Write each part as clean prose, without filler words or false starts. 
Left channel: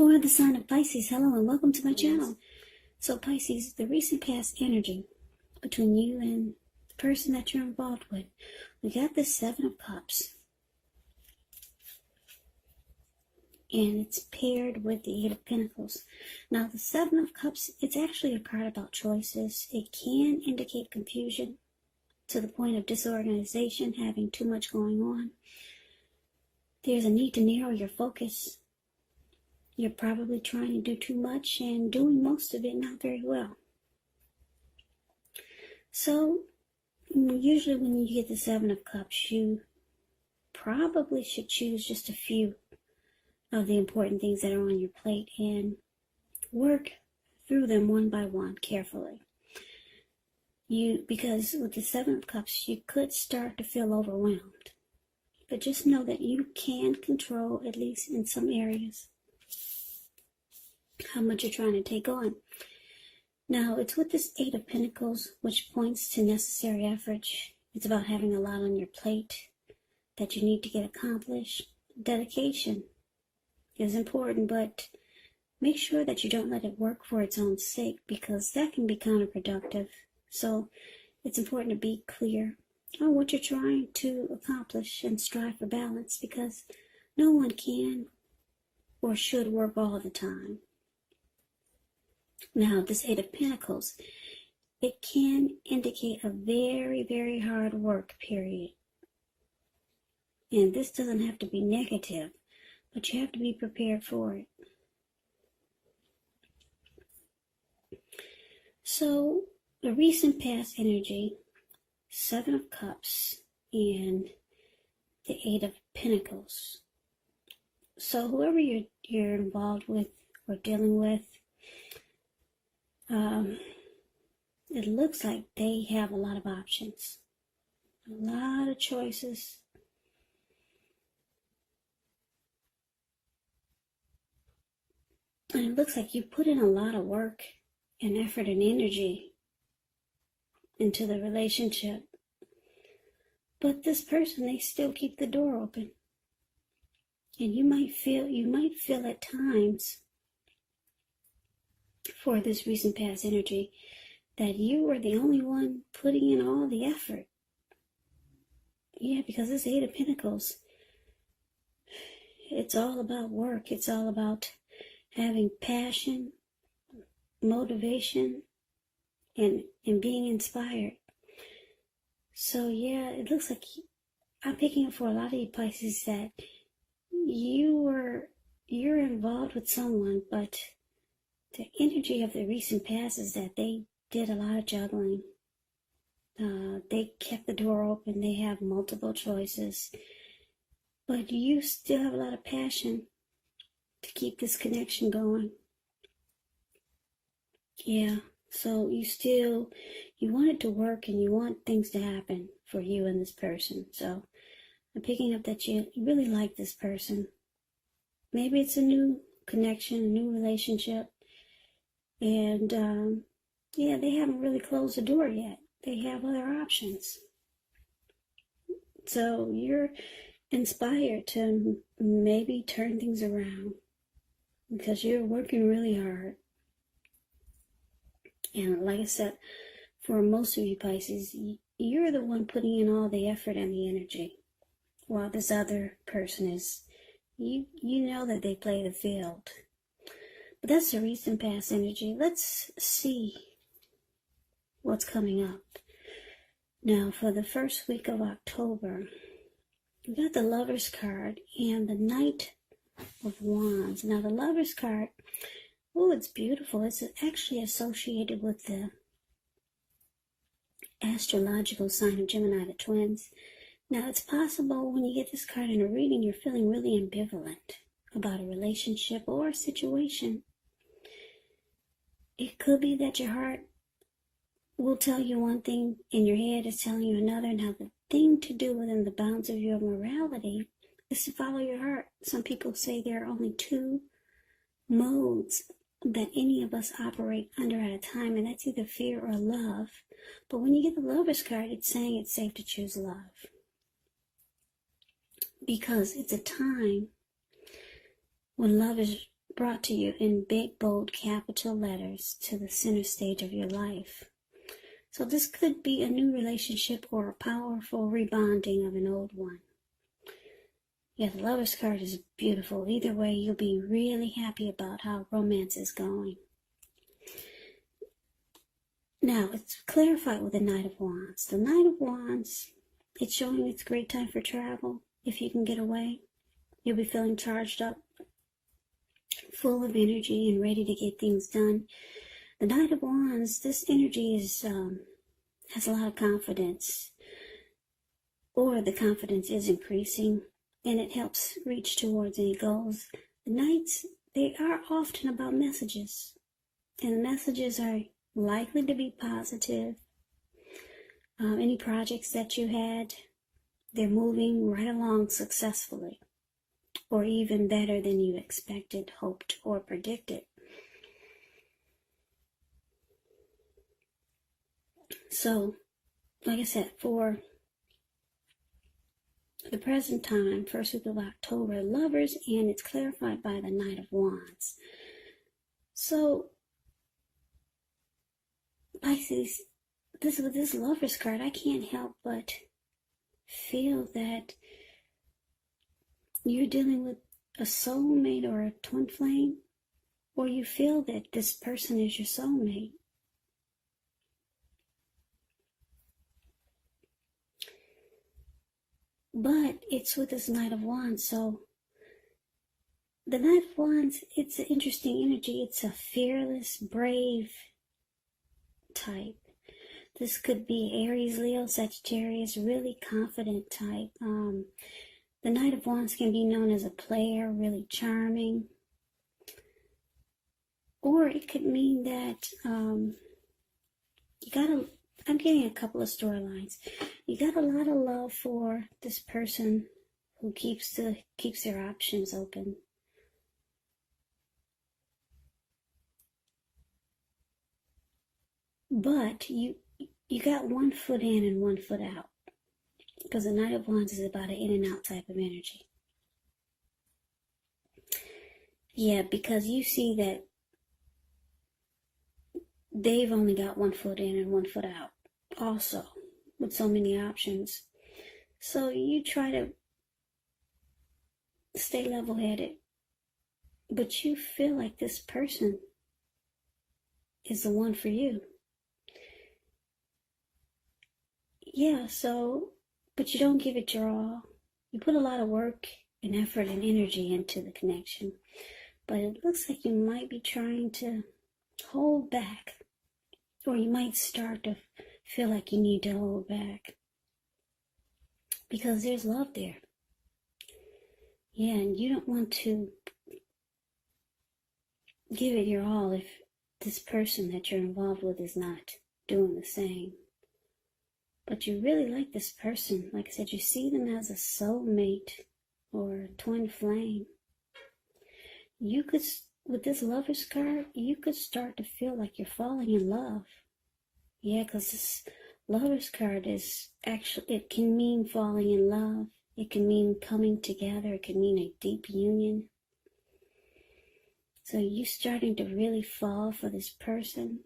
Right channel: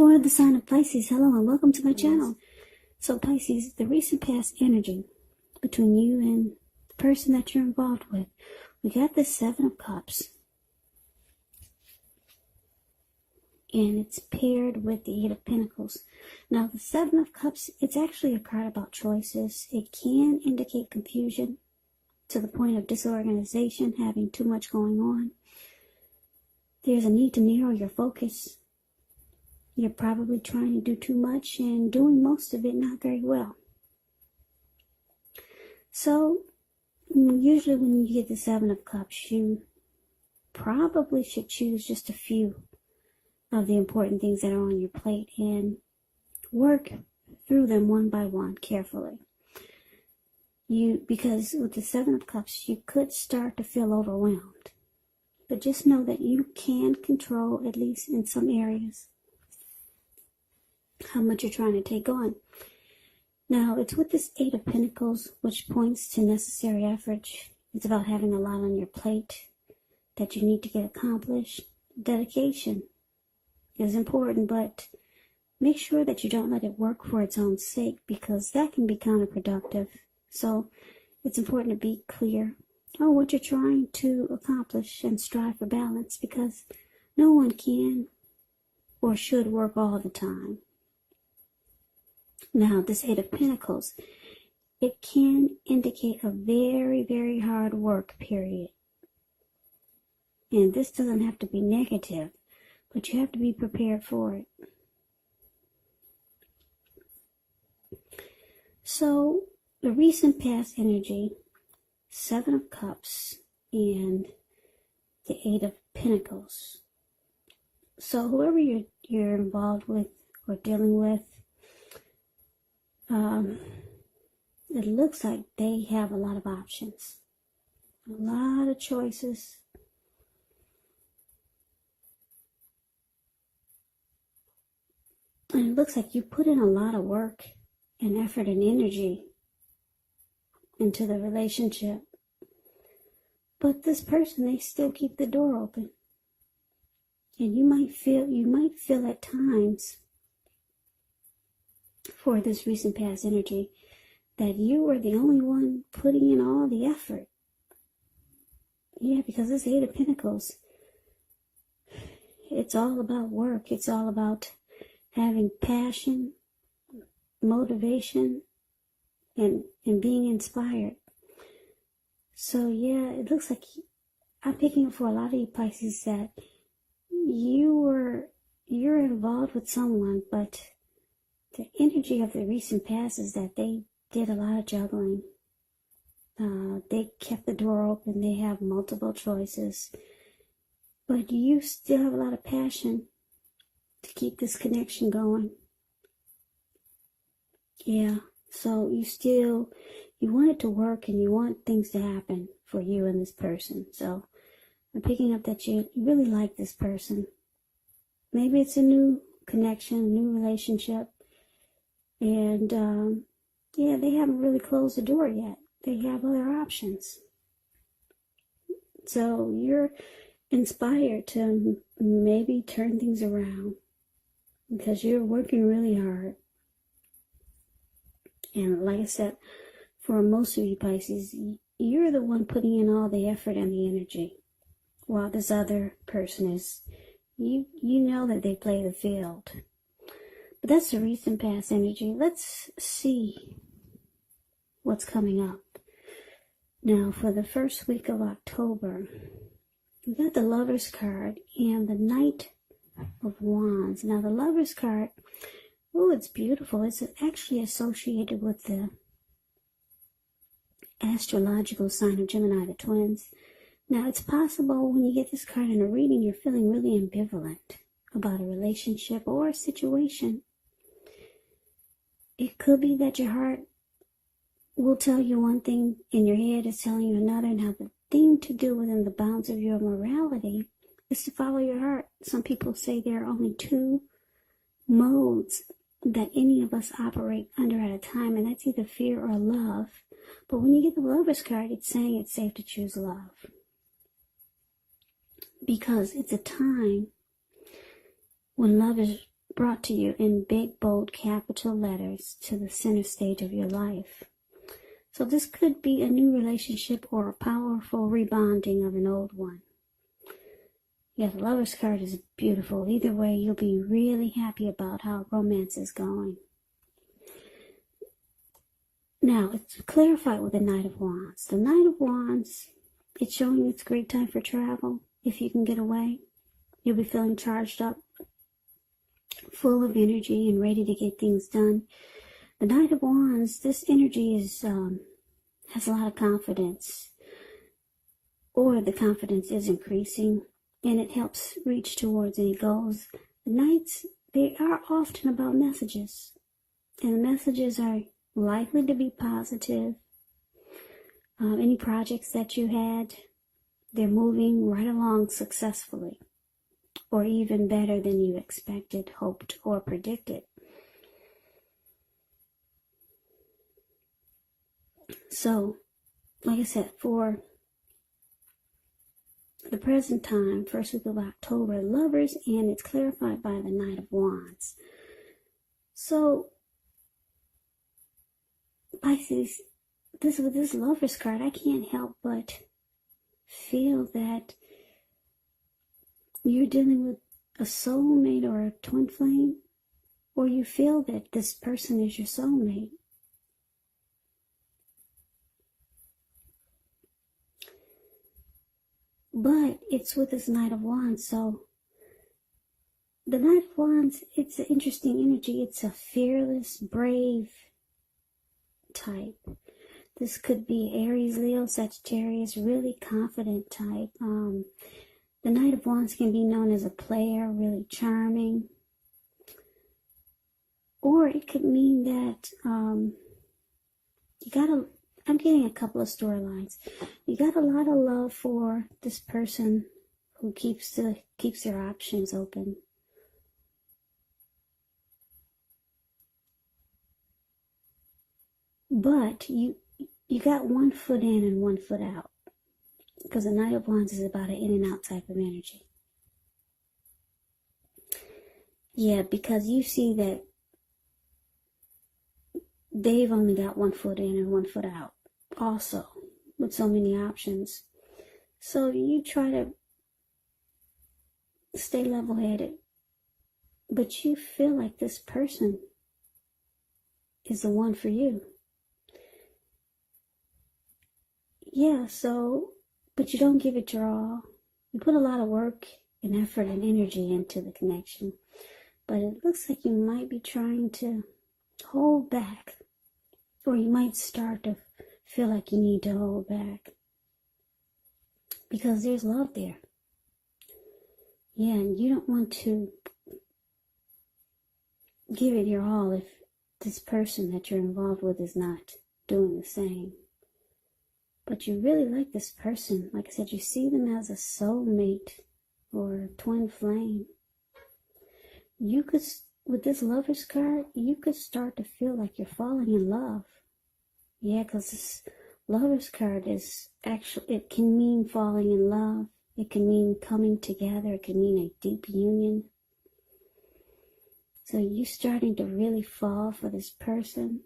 For the sign of Pisces, hello and welcome to my channel. So Pisces, the recent past energy between you and the person that you're involved with. We got the Seven of Cups. And it's paired with the Eight of Pentacles. Now the Seven of Cups, it's actually a card about choices. It can indicate confusion to the point of disorganization, having too much going on. There's a need to narrow your focus. You're probably trying to do too much and doing most of it not very well. So, usually when you get the Seven of Cups, you probably should choose just a few of the important things that are on your plate and work through them one by one carefully. Because with the Seven of Cups, you could start to feel overwhelmed. But just know that you can control, at least in some areas, how much you're trying to take on. Now, it's with this Eight of Pentacles, which points to necessary effort. It's about having a lot on your plate that you need to get accomplished. Dedication is important, but make sure that you don't let it work for its own sake, because that can be counterproductive. So it's important to be clear on what you're trying to accomplish and strive for balance, because no one can or should work all the time. Now, this Eight of Pentacles, it can indicate a very, very hard work period. And this doesn't have to be negative, but you have to be prepared for it. So, the recent past energy, Seven of Cups, and the Eight of Pentacles. So, whoever you're involved with or dealing with, it looks like they have a lot of options, a lot of choices. And it looks like you put in a lot of work and effort and energy into the relationship. But this person, they still keep the door open. And you might feel at times, for this recent past energy, that you were the only one putting in all the effort. Yeah, because this Eight of Pentacles, it's all about work. It's all about having passion, motivation, and being inspired. So yeah, it looks like I'm picking up for a lot of you Pisces that you're involved with someone, but the energy of the recent past is that they did a lot of juggling. They kept the door open. They have multiple choices. But you still have a lot of passion to keep this connection going. Yeah, so you want it to work and you want things to happen for you and this person. So I'm picking up that you really like this person. Maybe it's a new connection, a new relationship. And yeah, they haven't really closed the door yet. They have other options. So you're inspired to maybe turn things around because you're working really hard. And like I said, for most of you Pisces, you're the one putting in all the effort and the energy, while this other person is, you know that they play the field. But that's the recent past energy. Let's see what's coming up. Now, for the first week of October, we got the Lover's card and the Knight of Wands. Now, the Lover's card, oh, it's beautiful. It's actually associated with the astrological sign of Gemini, the twins. Now, it's possible when you get this card in a reading, you're feeling really ambivalent about a relationship or a situation. It could be that your heart will tell you one thing and your head is telling you another. Now, the thing to do within the bounds of your morality is to follow your heart. Some people say there are only two modes that any of us operate under at a time, and that's either fear or love. But when you get the Lover's card, it's saying it's safe to choose love, because it's a time when love is brought to you in big, bold, capital letters to the center stage of your life. So this could be a new relationship or a powerful rebonding of an old one. Yeah, the Lover's card is beautiful. Either way, you'll be really happy about how romance is going. Now, it's clarified with the Knight of Wands. The Knight of Wands, it's showing it's a great time for travel. If you can get away, you'll be feeling charged up, full of energy and ready to get things done. The Knight of Wands, this energy is has a lot of confidence, or the confidence is increasing, and it helps reach towards any goals. The Knights, they are often about messages, and the messages are likely to be positive. Any projects that you had, they're moving right along successfully, or even better than you expected, hoped, or predicted. So, like I said, for the present time, first week of October, Lovers, and it's clarified by the Knight of Wands. So, Pisces, with this Lovers card, I can't help but feel that you're dealing with a soulmate or a twin flame, or you feel that this person is your soulmate. But it's with this Knight of Wands, so the Knight of Wands, it's an interesting energy. It's a fearless, brave type. This could be Aries, Leo, Sagittarius, really confident type. The Knight of Wands can be known as a player, really charming. Or it could mean that I'm getting a couple of storylines. You got a lot of love for this person who keeps their options open. But you got one foot in and one foot out. Because the Knight of Wands is about an in and out type of energy. Yeah, because you see that they've only got one foot in and one foot out. Also, with so many options. So you try to stay level-headed. But you feel like this person is the one for you. Yeah, but you don't give it your all. You put a lot of work and effort and energy into the connection. But it looks like you might be trying to hold back. Or you might start to feel like you need to hold back. Because there's love there. Yeah, and you don't want to give it your all if this person that you're involved with is not doing the same. But you really like this person. Like I said, you see them as a soulmate or a twin flame. You could, with this Lover's card, you could start to feel like you're falling in love. Yeah, because this Lover's card is actually, it can mean falling in love. It can mean coming together. It can mean a deep union. So you starting to really fall for this person.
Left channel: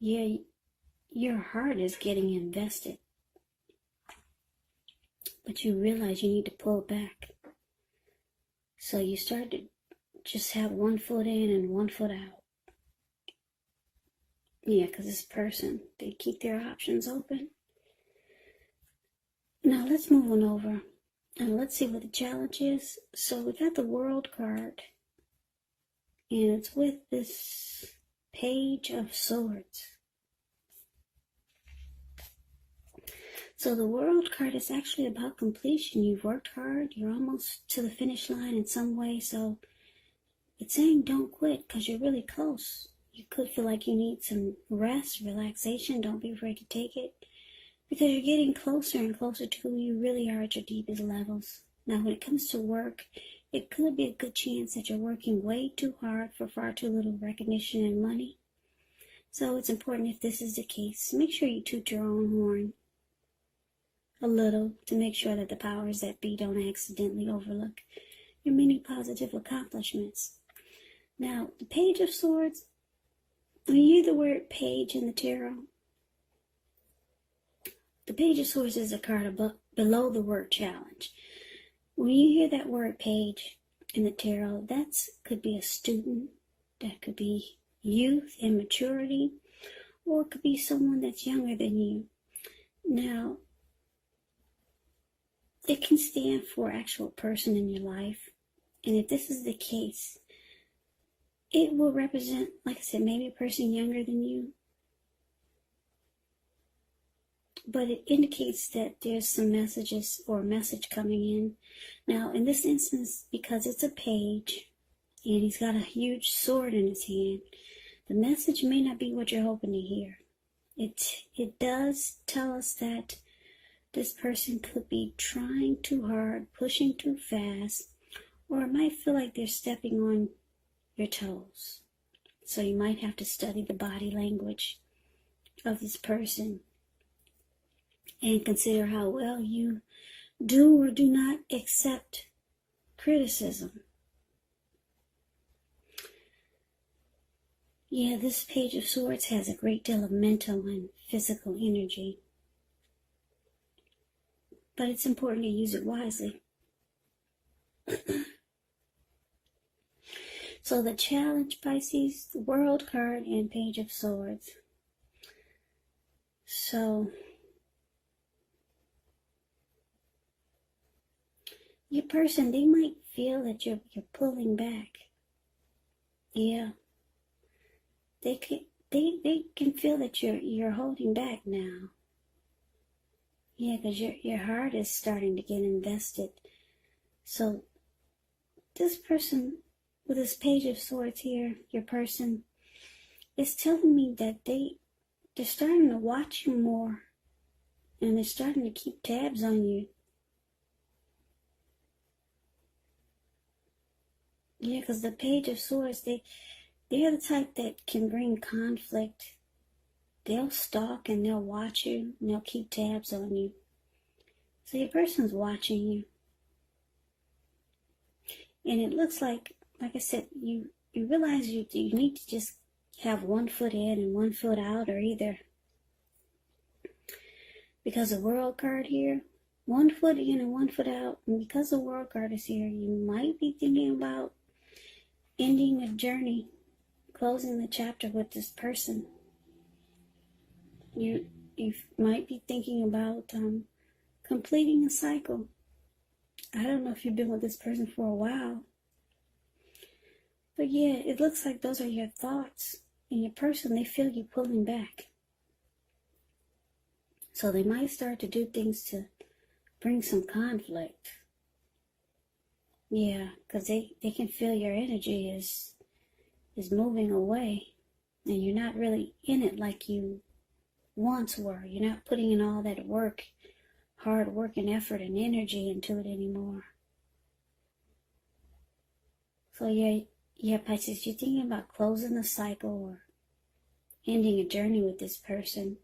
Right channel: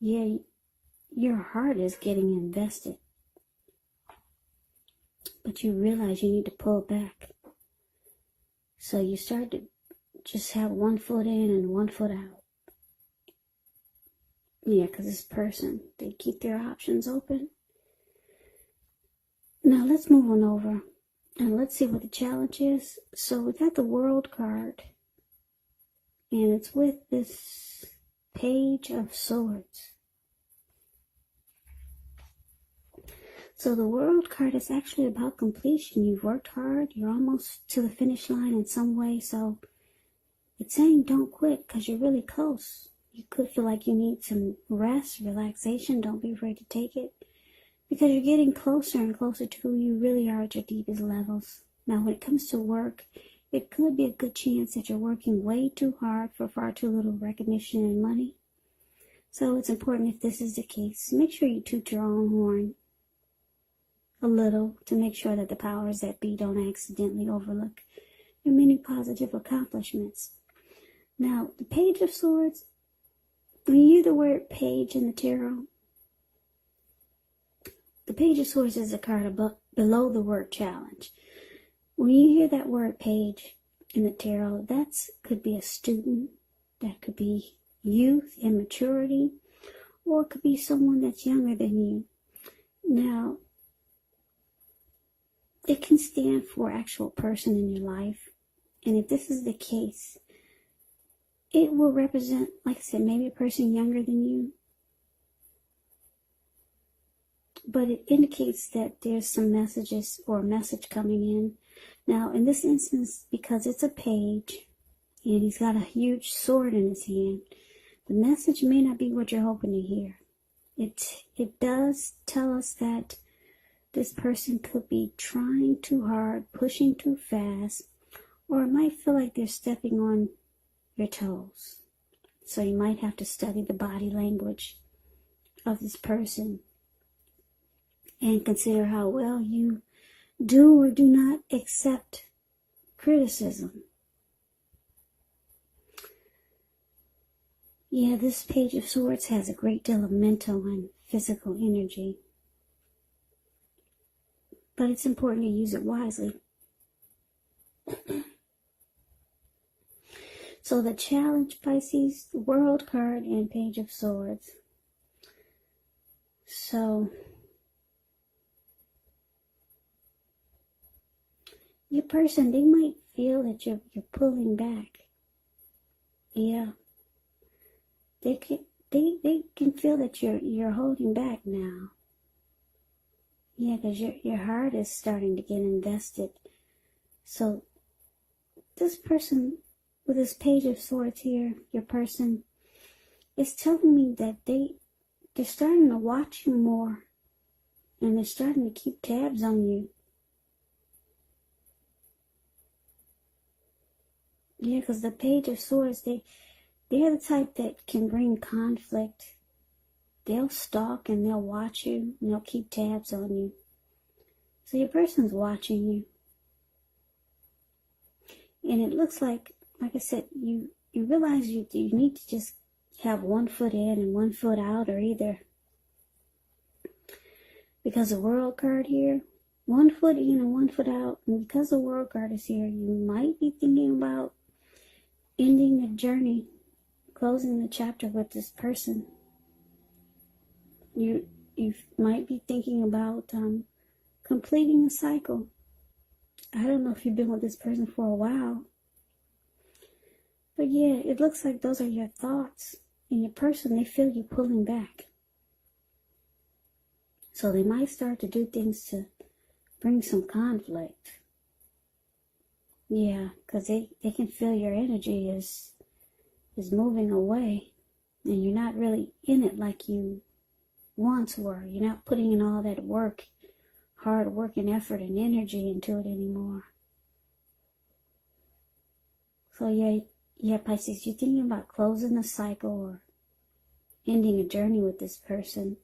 Yeah, your heart is getting invested. But you realize you need to pull back. So you start to just have one foot in and one foot out. Yeah, because this person, they keep their options open. Now let's move on over and let's see what the challenge is. So we got the World card. And it's with this Page of Swords. So the World card is actually about completion. You've worked hard. You're almost to the finish line in some way. So it's saying don't quit because you're really close. You could feel like you need some rest, relaxation. Don't be afraid to take it. Because you're getting closer and closer to who you really are at your deepest levels. Now when it comes to work, it could be a good chance that you're working way too hard for far too little recognition and money. So it's important, if this is the case, make sure you toot your own horn a little to make sure that the powers that be don't accidentally overlook and many positive accomplishments. Now, the Page of Swords, when you hear the word page in the tarot, the Page of Swords has a card above, below the word challenge. When you hear that word page in the tarot, that could be a student, that could be youth, immaturity, or it could be someone that's younger than you. Now, it can stand for actual person in your life. And if this is the case, it will represent, like I said, maybe a person younger than you. But it indicates that there's some messages or a message coming in. Now, in this instance, because it's a page, and he's got a huge sword in his hand, the message may not be what you're hoping to hear. It does tell us that this person could be trying too hard, pushing too fast, or it might feel like they're stepping on your toes. So you might have to study the body language of this person and consider how well you do or do not accept criticism. Yeah, this Page of Swords has a great deal of mental and physical energy, but it's important to use it wisely. So the challenge, Pisces, the World card, and Page of Swords. So your person, they might feel that you're pulling back. Yeah. They can feel that you're holding back now. Yeah, because your heart is starting to get invested. So this person with this Page of Swords here, your person, is telling me that they're starting to watch you more, and they're starting to keep tabs on you. Yeah, because the Page of Swords, they're the type that can bring conflict. They'll stalk and they'll watch you and they'll keep tabs on you. So your person's watching you. And it looks like I said, you realize you need to just have 1 foot in and 1 foot out, or either, because the World card here, 1 foot in and 1 foot out, and because the World card is here, you might be thinking about ending a journey, closing the chapter with this person. You might be thinking about completing a cycle. I don't know if you've been with this person for a while, but yeah, it looks like those are your thoughts. And your person, they feel you pulling back. So they might start to do things to bring some conflict. Yeah, because they can feel your energy is moving away. And you're not really in it like you once were. You're not putting in all that work, hard work and effort and energy into it anymore. So yeah, Pisces, you're thinking about closing a cycle or ending a journey with this person,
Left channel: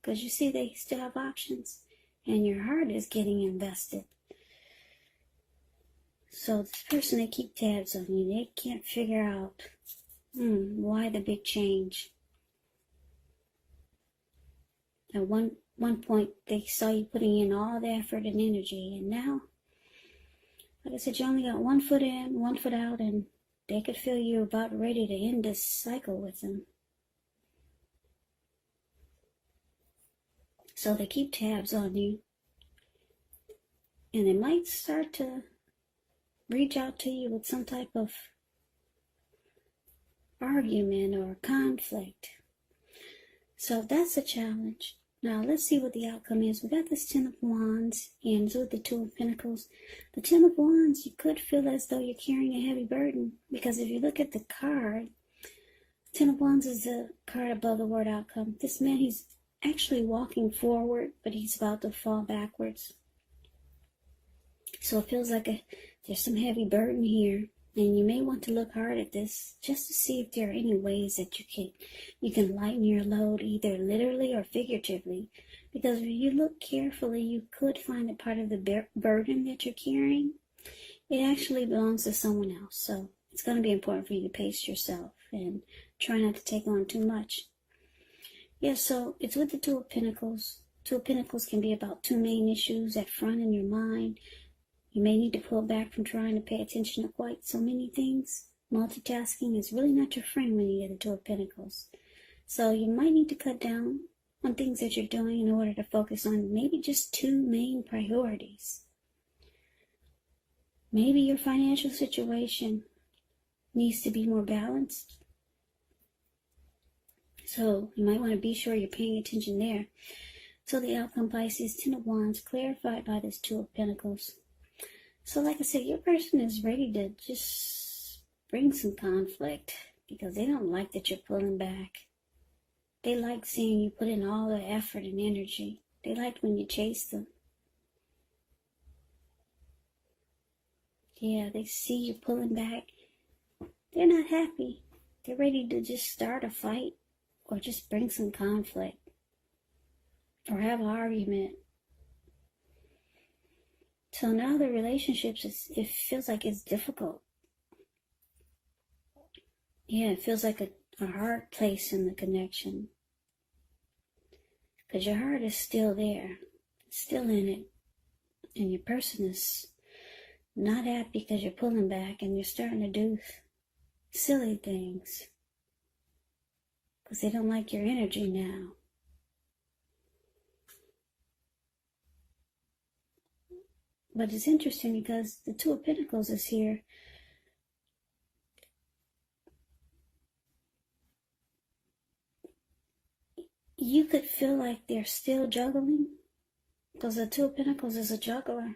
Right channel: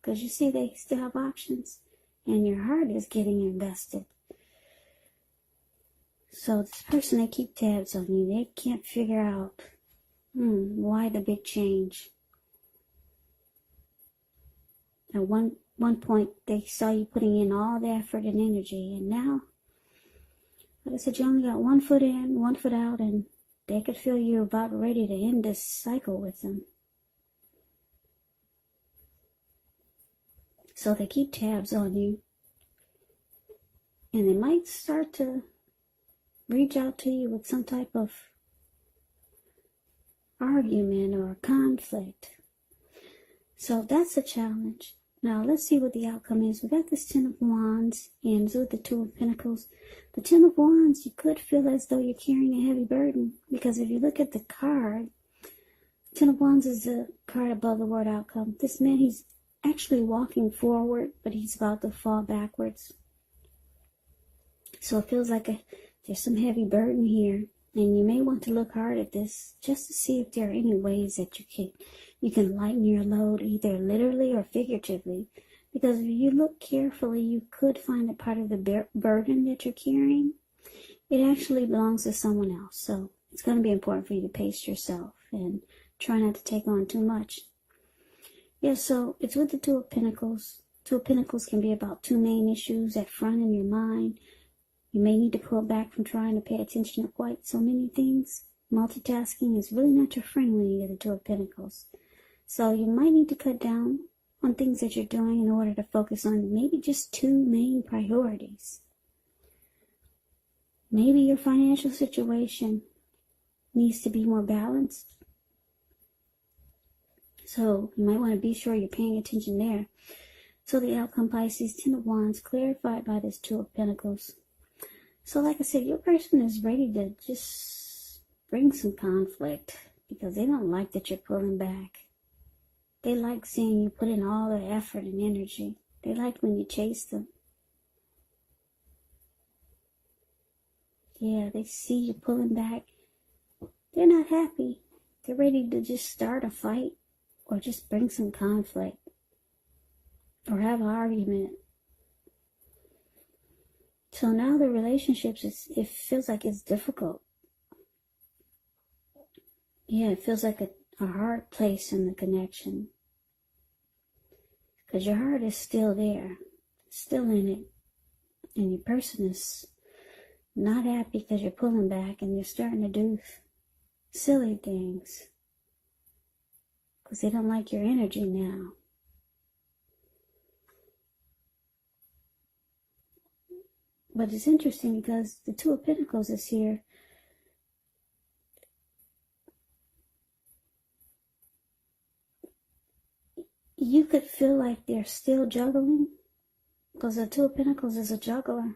because you see they still have options and your heart is getting invested. So this person, they keep tabs on you. They can't figure out why the big change. At one point, they saw you putting in all the effort and energy, and now, like I said, you only got 1 foot in, 1 foot out, and they could feel you're about ready to end this cycle with them. So they keep tabs on you, and they might start to reach out to you with some type of argument or conflict. So that's a challenge. Now let's see what the outcome is. We got this 10 of Wands and with the 2 of Pentacles. The 10 of Wands, you could feel as though you're carrying a heavy burden, because if you look at the card, 10 of Wands is the card above the word outcome. This man, he's actually walking forward, but he's about to fall backwards. So it feels like there's some heavy burden here, and you may want to look hard at this just to see if there are any ways that you can lighten your load, either literally or figuratively. Because if you look carefully, you could find a part of the burden that you're carrying it actually belongs to someone else. So it's going to be important for you to pace yourself and try not to take on too much. Yeah, so it's with the Two of Pentacles. Two of Pentacles can be about two main issues at front in your mind. You may need to pull back from trying to pay attention to quite so many things. Multitasking is really not your friend when you get into Two of Pentacles. So you might need to cut down on things that you're doing in order to focus on maybe just two main priorities. Maybe your financial situation needs to be more balanced. So you might want to be sure you're paying attention there. So the outcome, Pisces, Ten of Wands, clarified by this Two of Pentacles. So like I said, your person is ready to just bring some conflict because they don't like that you're pulling back. They like seeing you put in all the effort and energy. They like when you chase them. Yeah, they see you pulling back. They're not happy. They're ready to just start a fight or just bring some conflict or have an argument. So now the relationships, it feels like it's difficult. Yeah, it feels like a hard place in the connection. Because your heart is still there. It's still in it. And your person is not happy because you're pulling back and you're starting to do silly things. Because they don't like your energy now. But it's interesting because the Two of Pentacles is here. You could feel like they're still juggling. Because the Two of Pentacles is a juggler.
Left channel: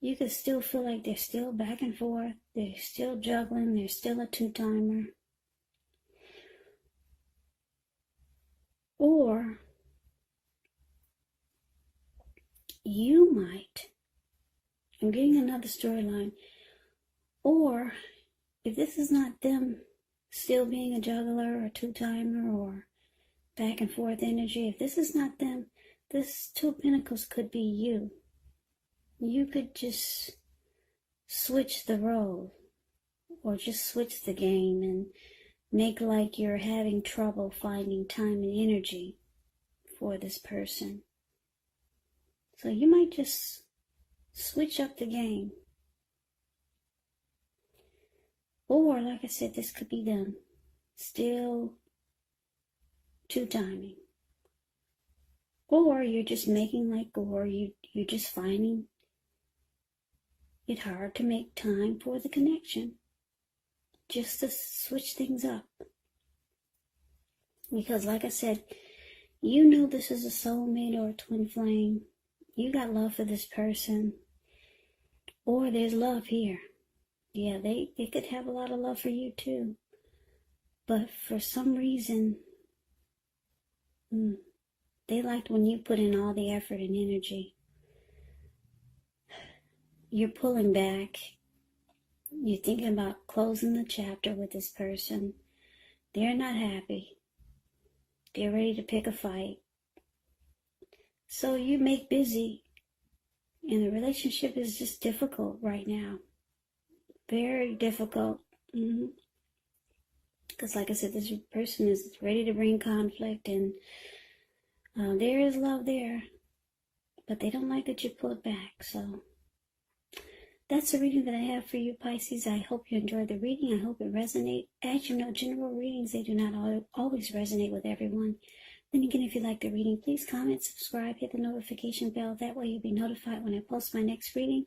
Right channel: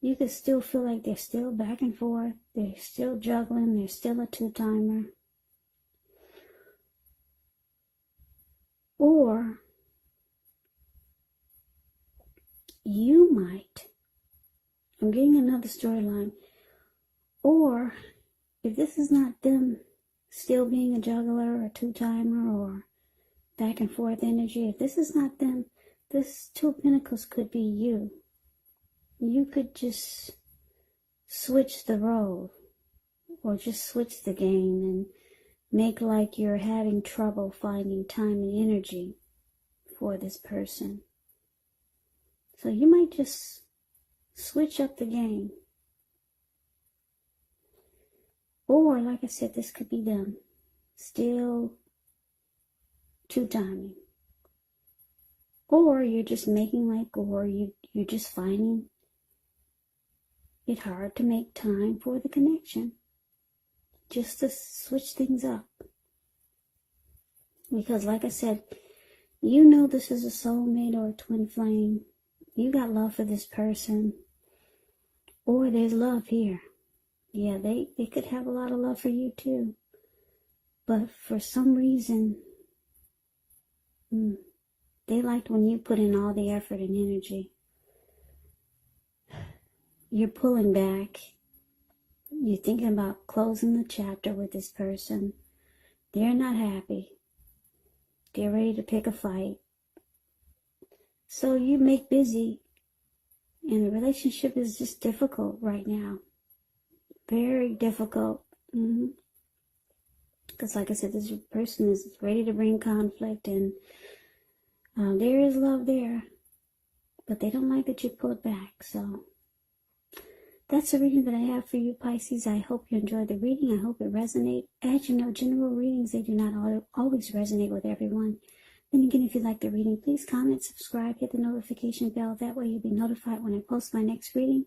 You could still feel like they're still back and forth. They're still juggling. They're still a two-timer. Or you might, I'm getting another storyline, or if this is not them still being a juggler or two-timer or back and forth energy, if this is not them, this Two of Pentacles could be you. You could just switch the role or just switch the game and make like you're having trouble finding time and energy for this person. So you might just switch up the game. Or, like I said, this could be them still two-timing. Or you're just making like, or you're just finding it hard to make time for the connection. Just to switch things up. Because like I said, you know this is a soulmate or a twin flame. You got love for this person. Or there's love here. Yeah, they could have a lot of love for you too. But for some reason, they liked when you put in all the effort and energy. You're pulling back. You're thinking about closing the chapter with this person. They're not happy. They're ready to pick a fight. So you make busy. And the relationship is just difficult right now. Very difficult. Because like I said, this person is ready to bring conflict. And there is love there. But they don't like that you pull it back. So that's the reading that I have for you, Pisces. I hope you enjoyed the reading. I hope it resonates. As you know, general readings, they do not always resonate with everyone. Then again, if you like the reading, please comment, subscribe, hit the notification bell. That way you'll be notified when I post my next reading.